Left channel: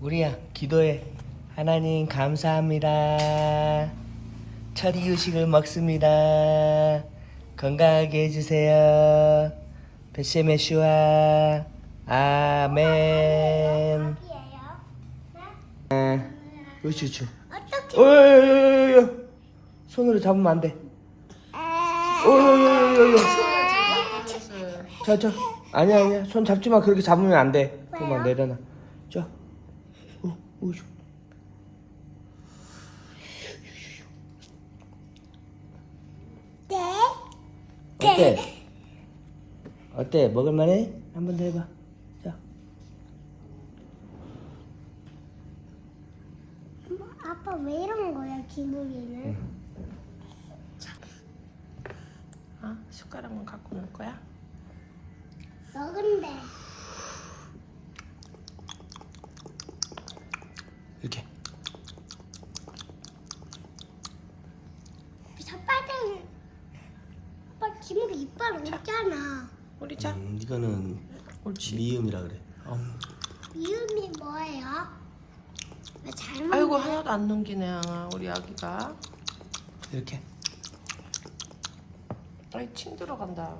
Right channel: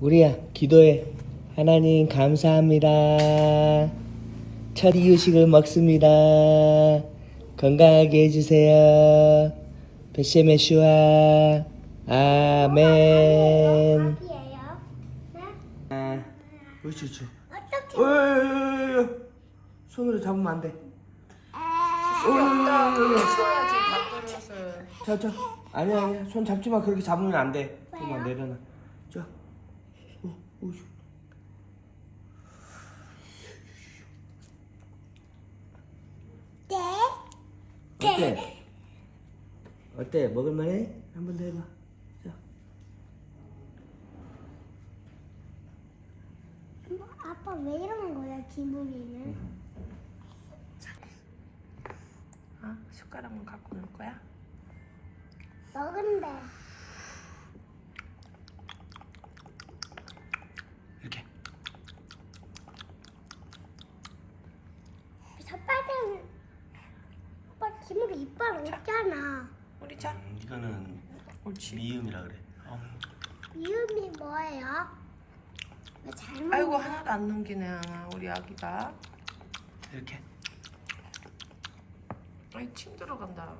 우리야 기도해. 하나님 감사합니다. 첫 이유식을 먹습니다. 건강하게 해주세요. 베세메슈아. 아멘. 네? 아, 옳지 옳지 어떻게? 손으로 잡으면 안돼. 어여여여여 저저 아니야 아니야. 손 잡지 마. 그렇게 잡으면 안돼. 그만 내려놔. 자 오, 오쇼 네. 어때? 어때? 먹을만해? 한 번 더 해봐. 자. 뭐, 아빠 왜 이런 거야 기분이는? 아, 숟가락만 갖고 놀 거야? 먹은데 이렇게. 삿발은 아빠 기분이 이빨 없잖아. 우리 자. 음, 이거는 옳지. 미음이라 그래. 음. 미음이 뭐예요? 왜 잘못? 아이고 하나도 안 넘기네 우리 아기가. 이렇게. 아이 침 들어간다.